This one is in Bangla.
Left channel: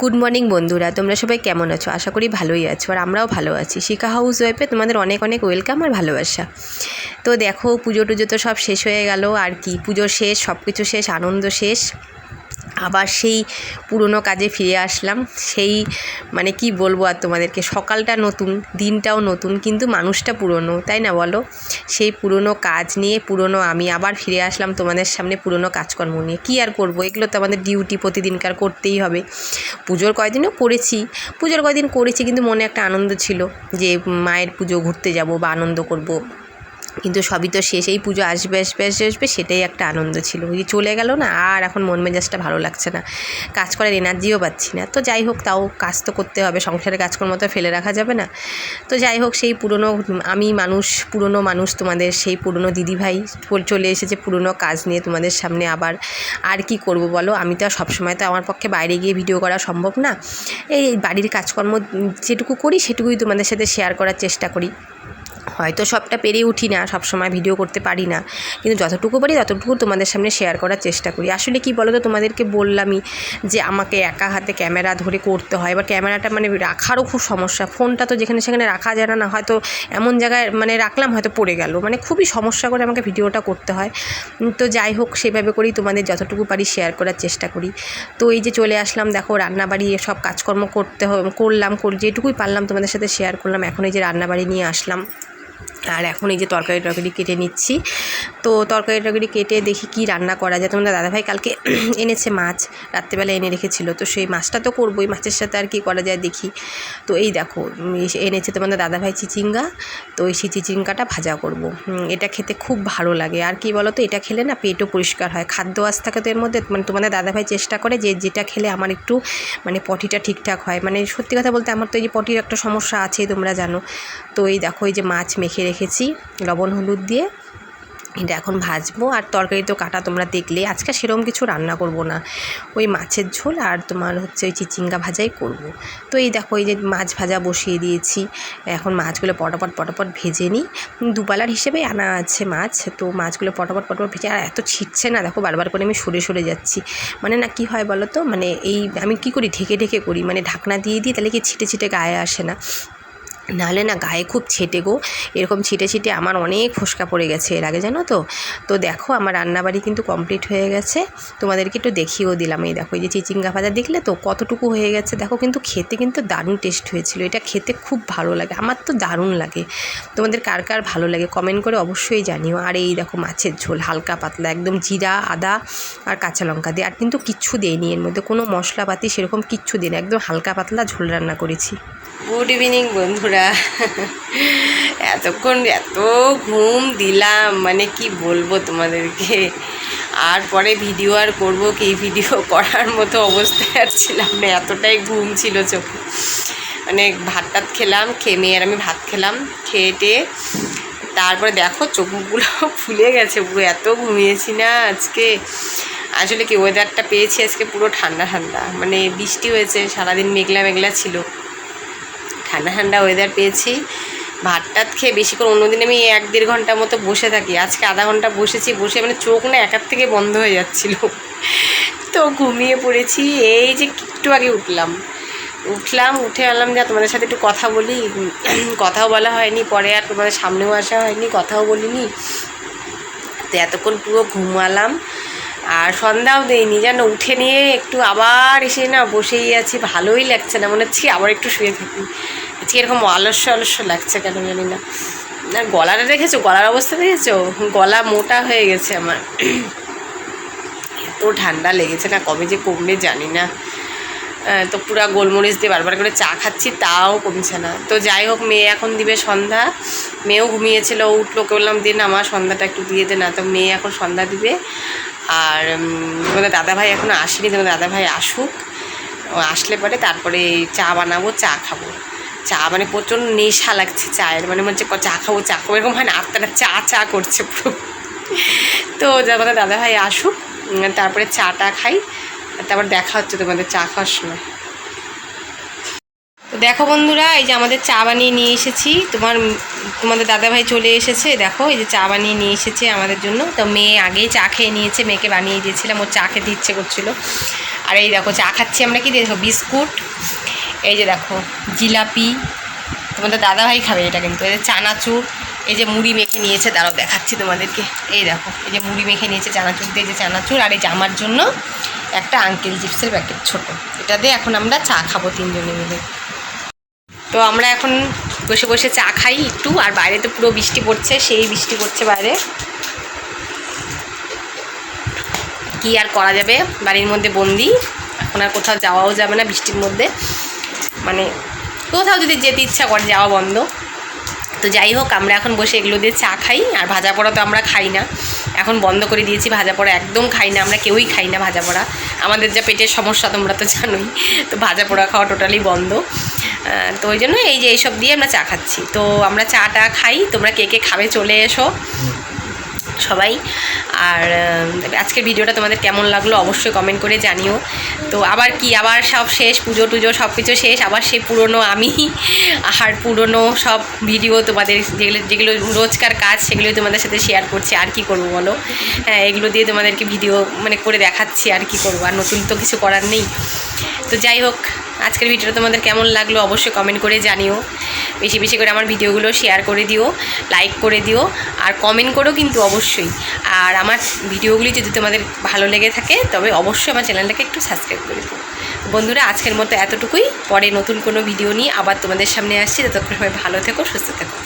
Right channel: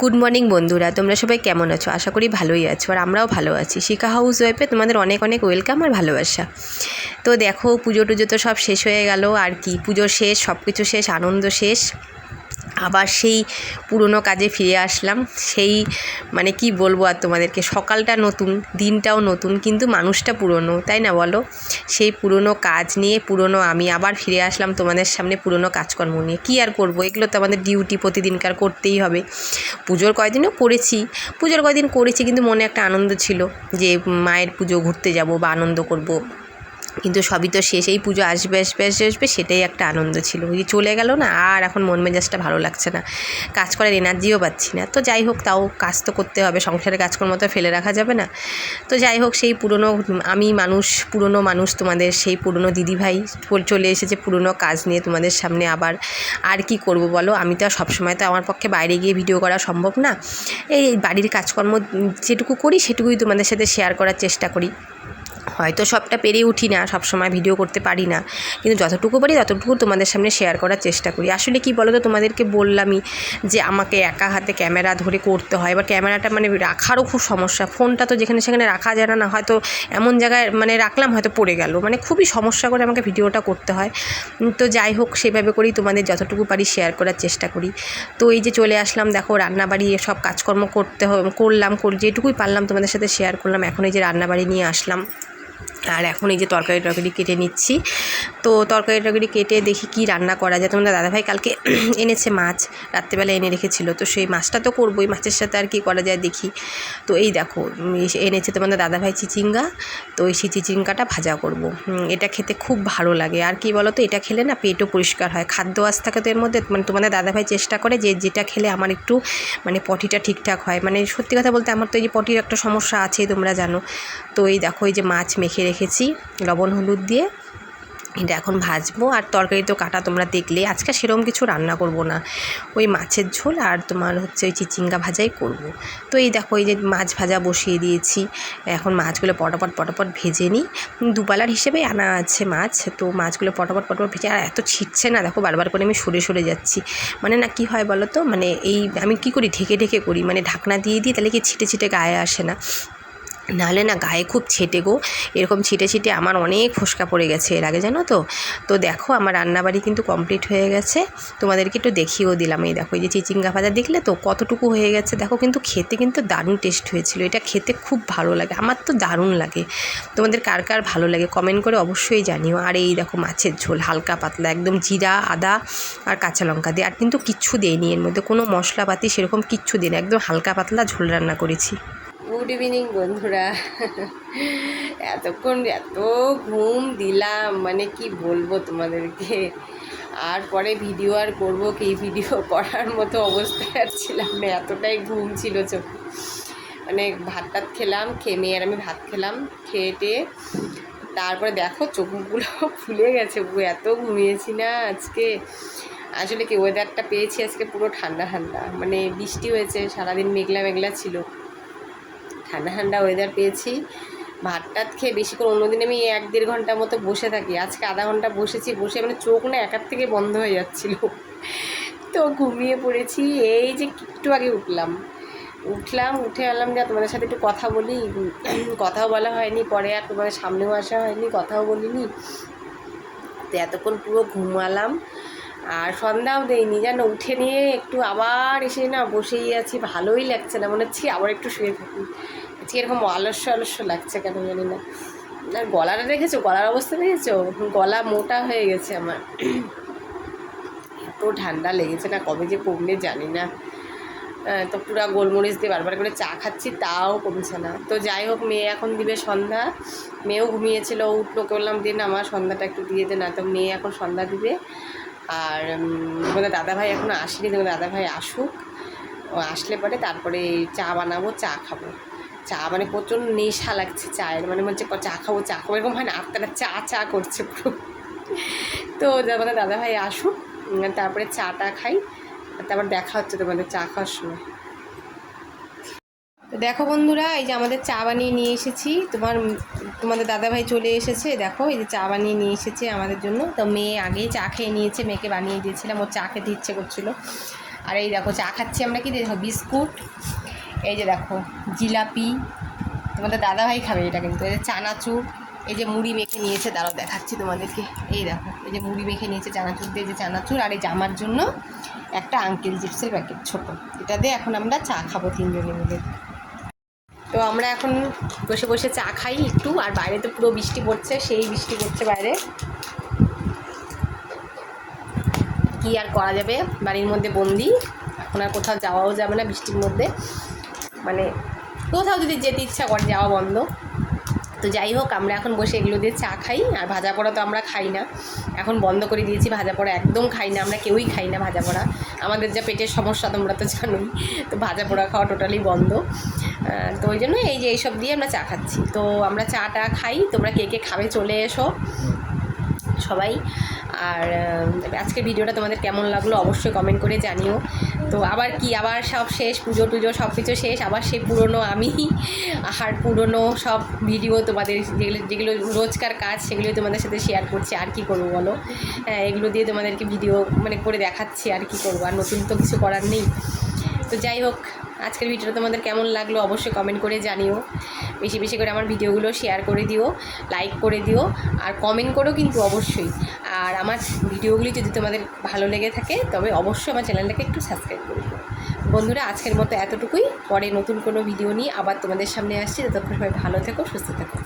গুড মর্নিং বন্ধুরা, তোমরা সবাই কেমন আছো? আশা করি ভালোই আছো, আর আমরাও ভালো আছি। শিখা হাউস ওয়াইফে তোমাদের অনেক অনেক ওয়েলকাম আর ভালোবাসা। তো দেখো, পুজো টুজো তো সব শেষ হয়ে গেল, আর কি পুজো শেষ, সব কিছু শেষ, আনন্দ শেষ। আবার সেই পুরনো কাজে ফিরে আসলাম। সেই মানে কি বলবো আর তোমাদেরকে, সকালটা নতুন, দিনটাও নতুন, কিন্তু মানুষটা পুরনো, তাই না বলো? সেই পুরনো কাজ নিয়ে, পুরনো আমি আবার ফিরে আসলাম তোমাদের সামনে পুরনো কাজকর্ম নিয়ে। কী আর করবো, এগুলো তো আমাদের ডিউটি, প্রতিদিনকার করতেই হবে। পুজোর কয়দিনও করেছি, কিন্তু মনে একটা আনন্দ ছিল যে মায়ের পুজো ঘুরতে যাব বা আনন্দ করব। কিন্তু সবই তো শেষ, এই পুজো আসবে আসবে আসবে আসবে, সেটাই একটা আনন্দ ছিল। ওই চলে গেল না, আর এখন মন মেজাজটা ভালো লাগছে না, কাজ করার এনার্জিও পাচ্ছি না। তো যাই হোক, তাও কাজ তো করতে হবে, সংসারের কাজকর্ম তো ফেলে রাখা যাবে না। তো যাই হোক, সেই পুরনো পুরনো মানুষ, তোমাদের সেই পুরনো দিদিভাই চলে এসেছে পুরনো কাজ নিয়ে তোমাদের সামনে আবার। আর কি করব বলো, আমি তো সবসময় তো আমার পক্ষে বাইরে গিয়ে ভিডিও করা সম্ভব না। এই বাড়ির কাজকর্ম যেটুকু করি সেটুকুই তোমাদের সাথে শেয়ার করার চেষ্টা করি। হয়তো সবটা পেরে উঠি না, সব সময় ভিডিও করতে পারি না, কিন্তু যতটুকু পারি ততটুকু তোমাদের সামনে শেয়ার করার চেষ্টা করি। আসলে কি বলো তো, তোমাদেরকে বললামই যে আমাকে একা হাতে ক্যামেরা ধরে করতে হয়। এবার ক্যামেরাটা মানে রাখারও খুব সমস্যা, ফোনটা তো যেখানে সেখানে রাখা যায় না, হয়তো এমন জায়গায় মানে রাখলাম হয়তো পড়ে গেল, মানে খুবই সমস্যা করে আমাকে ভিডিওটা করতে হয়। তো যাই হোক, সেভাবে করেই তোমাদের যতটুকু পারি শেয়ার করার চেষ্টা করি। তো এই যে চলে আসলাম, দেখো রান্নাবাড়ি সব কাজকর্ম করলাম, যেটুকুই পারলাম তোমাদের সাথে শেয়ার করলাম। এখন এই যে রান্নাবাড়ি নিয়ে আসলাম, আর এখন এই যে তরকারি কেটে নিচ্ছি। তো তরকারি কেটে দেখি কি রান্না করা যায়। তোমাদের দাদাভাই কালকে এনেছে মাছ, রাত্রেবেলা এনে রেখেছিল, তো সেই মাছটা তো করবোই, মাছের সাথে আর কি করা যায় দেখি। তো এই দেখো, এনেছে তোমাদের দাদাভাই চিচিঙ্গা, তো এই চিচিঙ্গাটা ভাজা করব। এটা খেতে খুব ভালো লাগে। আর কি বলো তো, এটা খেলে না পেটও পরিষ্কার হয়, খাদ্য আঁশ থাকে তো এর মধ্যে। মানে তোমাদের দাদাভাই চেষ্টা করে যে যেটা খেলে আমার একটু মানে পটিটা ঠিকঠাক হয়। মানে সত্যি কথা বলতে, আমার তো এই যে পটির একটা সমস্যা আছেই, তোমরা জানো। তো এই দেখো, এই যে মাছ মেখে রেখেছি লবণ হলুদ দিয়ে, এটা এখন ভাজবো। আর তরকারি তো কাটা তোমরা দেখলে, আজকে সেরকম কিছু রান্না করব না, ওই মাছের ঝোল আর তোমার হচ্ছে ওই চিচিঙ্গা ভাজাই করব। তো এই দেখো, এই যে মাছ ভাজা বসিয়ে দিয়েছি, এখন মাছগুলো পটাপট ভেজে নিই। দুপালার হিসেবে আনা আছে মাছ, তো মাছগুলো পটাপট ভেজে, আর এত ছিটছে না দেখো, বারবার করে আমি সরে যাচ্ছি। মানে না, কি হয় বলো তো, মানে এই আমি কি করি, ঢেকে করি, মানে ঢাকনা দিয়ে দিই, তাহলে কি ছিটে গায়ে আসে না, নাহলে না গায়ে খুব ছেটে গো। এরকম ছিটে আমার অনেক ফোসকা পড়ে গেছে এর আগে, জানো তো। তো দেখো, আমার রান্নাবাড়ি কিন্তু কমপ্লিট হয়ে গেছে, তোমাদেরকে একটু দেখিয়েও দিলাম। এই দেখো, এই যে চিচিঙ্গা ভাজা দেখলে তো কতটুকু হয়ে গেছে, দেখো কিন্তু খেতে কিন্তু দারুণ টেস্ট হয়েছিল। এটা খেতে খুব ভালো লাগে, আমার তো দারুণ লাগে। তোমাদের কার কার ভালো লাগে কমেন্ট করে অবশ্যই জানিও। আর এই দেখো, মাছের ঝোল হালকা পাতলা, একদম জিরা আদা আর কাঁচা লঙ্কা দিয়ে, আর কিন্তু কিচ্ছু দেয়নি এর মধ্যে, কোনো মশলাপাতি সেরকম কিচ্ছু দিই না, একদম হালকা পাতলা ঝোল রান্না করেছি। গুড ইভিনিং বন্ধুরা, এতক্ষণ এত ঘুম দিলাম, মানে কি বলবো তোমাদেরকে। আর পরে ভিডিও আর করবো কি, ভিডিও করার মতো অবস্থায় আর ছিলাম না, এতটাই ঘুম ছিল চোখে। মানে ভাত টাত খেলাম, খেয়ে মেয়ে আর আমি ভাত খেলাম, খেয়ে তারপরে দেখো চোখগুলো ফুলে গেছে পুরো, এত ঘুমিয়েছি না আজকে। আসলে কি, ওয়েদারটা পেয়েছি আজকে পুরো ঠান্ডা, মানে বৃষ্টি হয়েছে, সারাদিন মেঘলা ছিল, ঠান্ডা ওয়েদার পেয়েছি। ভাত টাত খেয়ে বেশিক্ষণ, অন্যদিন আমি 1-1.5 ঘন্টা মতো বসে থাকি, আজকে আধা ঘন্টা বসে মানে চোখ না একার থেকে বন্ধ হয়ে যাচ্ছিল। তো ঘুমিয়ে পড়েছি। এই যে একটু আগে উঠলাম, উঠে আনলাম যা তোমাদের সাথে একটু কথা বলি, কথাও বলা হয়নি, পরে আর তোমাদের সামনেও আসা হয়নি, কথাও বলিনি। তো এতক্ষণ পুরো ঘুমালাম, আর সন্ধ্যাও দেয়নি জানো। উঠে নিয়ে একটু আবার এসে না বসেই আছি, ভালোই লাগছে না, মনে হচ্ছে আবার একটু শুয়ে থাকি। আজকে এরকম অলস্য লাগছে কেন জানি না। আর গলাটা দেখেছো, গলার অবস্থা দেখেছো, গলা মোটা হয়ে গেছে আমার, এত ঠান্ডা লেগেছে না, কবে যে কমবে জানি না। তো পুরা গোলমরিচ দিয়ে বারবার করে চা খাচ্ছি, তাও কমছে না। তো যাই হোক, মেয়ে এখন দিবে সন্ধ্যা, মেয়েও ঘুমিয়েছিল, উঠলো, বললাম দিন আমার সন্ধ্যাটা একটু দিয়ে দে না, তো মেয়ে এখন সন্ধ্যা দিবে। আর তোমাদের দাদাভাই এখনও আসেনি, তোমাদের দাদাভাই আসুক, আসলে পরে তারপরে চা বানাবো, চা খাবো। চা মানে প্রচণ্ড নেশা লাগছে চায়ের, মানে হচ্ছে চা খাবো এরকম হয় না, আত্মাটা চা করছে পুরো। তো তোমাদের দাদাভাই আসুক, তারপরে চাটা খাই, তারপর দেখা হচ্ছে তোমাদের চা খাওয়ার সময়। তো দেখো বন্ধুরা, এই যে আমাদের চা বানিয়ে নিয়ে এসেছি, তোমাদের দাদাভাই চলে এসেছে, দেখো এই যে চা বানিয়ে নিয়ে এসেছে আমাদের জন্য। তো মেয়ে আগেই চা খেয়ে নিয়েছে, মেয়েকে বানিয়ে দিয়েছিলাম, ওর চা খেতে ইচ্ছে করছিল। আর এই দেখো চা খাচ্ছি আমরা, কি দেখো বিস্কুট, এই যে দেখো জিলাপি, তোমাদের দাদাভাই খাবে এটা কিন্তু, এই যে চানাচুর, এই যে মুড়ি মেখে নিয়েছে, দাঁড়াও দেখাচ্ছি তোমাদেরকে, এই দেখো এই যে মুড়ি মেখে নিয়েছে চানাচুর দিয়ে, যে চানাচুর, আর এই যে আমার জন্য একটা আঙ্কেল চিপসের প্যাকেট ছোট, এটা দিয়ে এখন আমরা চা খাবো 3 জনে মিলে। তো আমরা এখন বসে বসে চা খাই একটু, আর বাইরে তো পুরো বৃষ্টি পড়ছে, সেই বৃষ্টি পড়ছে বাইরে, কি আর করা যাবে, বাড়ির মধ্যে বন্দি, এখন আর কোথাও যাওয়াও যাবে না বৃষ্টির মধ্যে, মানে কোথাও যদি যেতে ইচ্ছা করে যাওয়া বন্ধ। তো যাই হোক, আমরা এখন বসে এগুলো দিয়ে চা খাই, আর ভাজা পোড়া তো আমরা খাই না, এখন বন্ধ করে দিয়েছি, ভাজা পোড়া একদম খাই না, আমরা কেউই খাই না ভাজা পোড়া, আমাদের যা পেটের সমস্যা তোমরা তো জানোই, তো ভাজা পোড়া খাওয়া টোটালি বন্ধ। তো ওই জন্য এই যে এইসব দিয়ে আমরা চা খাচ্ছি। তো আমরা চাটা খাই, তোমরা কে কে খাবে চলে এসো সবাই। আর আজকের ভিডিওটা তোমাদের কেমন লাগলো অবশ্যই কমেন্ট করে জানিও। তো আবার কি, আবার সব শেষ, পুজো টুজো সব কিছু শেষ, আবার সেই পুরনো আমি আর পুরনো সব ভিডিও তোমাদের যেগুলো রোজকার কাজ সেগুলো তোমাদের সাথে শেয়ার করছি, আর কি করবো বলো। হ্যাঁ, এগুলো দিয়ে তোমাদেরকে ভিডিও মানে করে দেখাচ্ছি, আর কি করবো, আর নতুন তো কিছু করার নেই। তো যাই হোক, আজকের ভিডিওটা তোমাদের কেমন লাগলো অবশ্যই কমেন্ট করে জানিও, বেশি বেশি করে আমার ভিডিওগুলো শেয়ার করে দিও, লাইক করে দিও, আর কমেন্ট করো কিন্তু অবশ্যই। আর আমার ভিডিওগুলি যদি তোমাদের ভালো লেগে থাকে তবে অবশ্যই আমার চ্যানেলটাকে একটু সাবস্ক্রাইব করে দিও। বন্ধুরা, আজকের মতো এতটুকুই, পরে নতুন কোনো ভিডিও নিয়ে আবার তোমাদের সামনে আসছি, ততক্ষণ সবাই ভালো থেকো, সুস্থ থেকো।